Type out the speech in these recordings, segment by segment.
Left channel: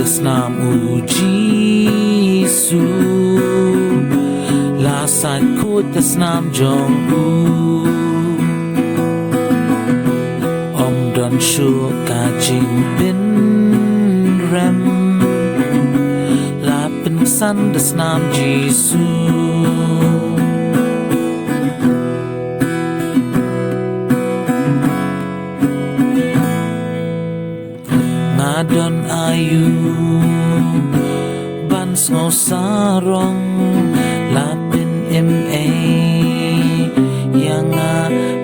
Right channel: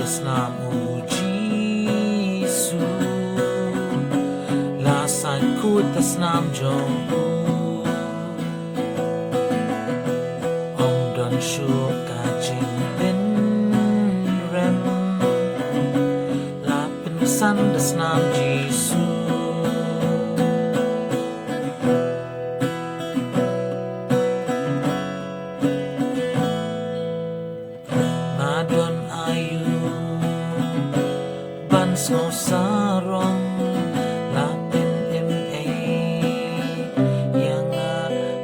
Da SNAM JISU La sai khut da SNAM jong Om don shu ka jing bin rem La Pynksan Da SNAM JISU Don ayu ban ngô sarong lapin ma yang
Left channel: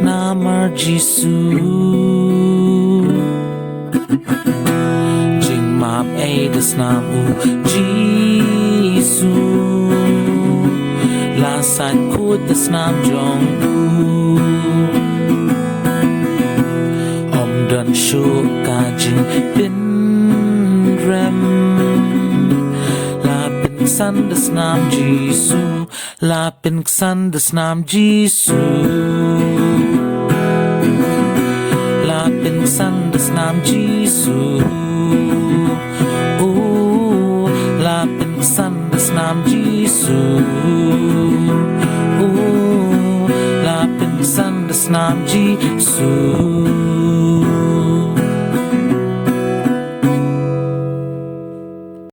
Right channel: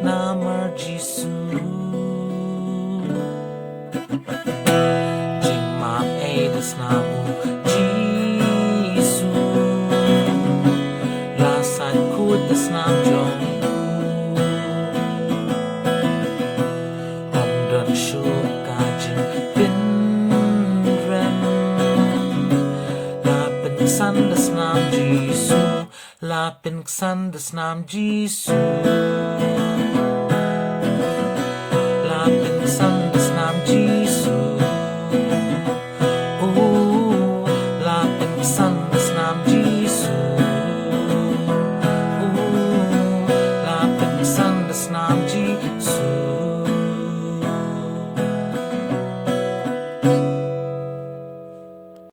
namar JISU jing map da SNAM JISU la sai khut da SNAM jong om don shu ka jing bin Pynksan Da SNAM JISU La Pynksan Da SNAM JISU La Pynksan Da SNAM JISU La Pynksan Da SNAM JISU La Pynksan Da SNAM JISU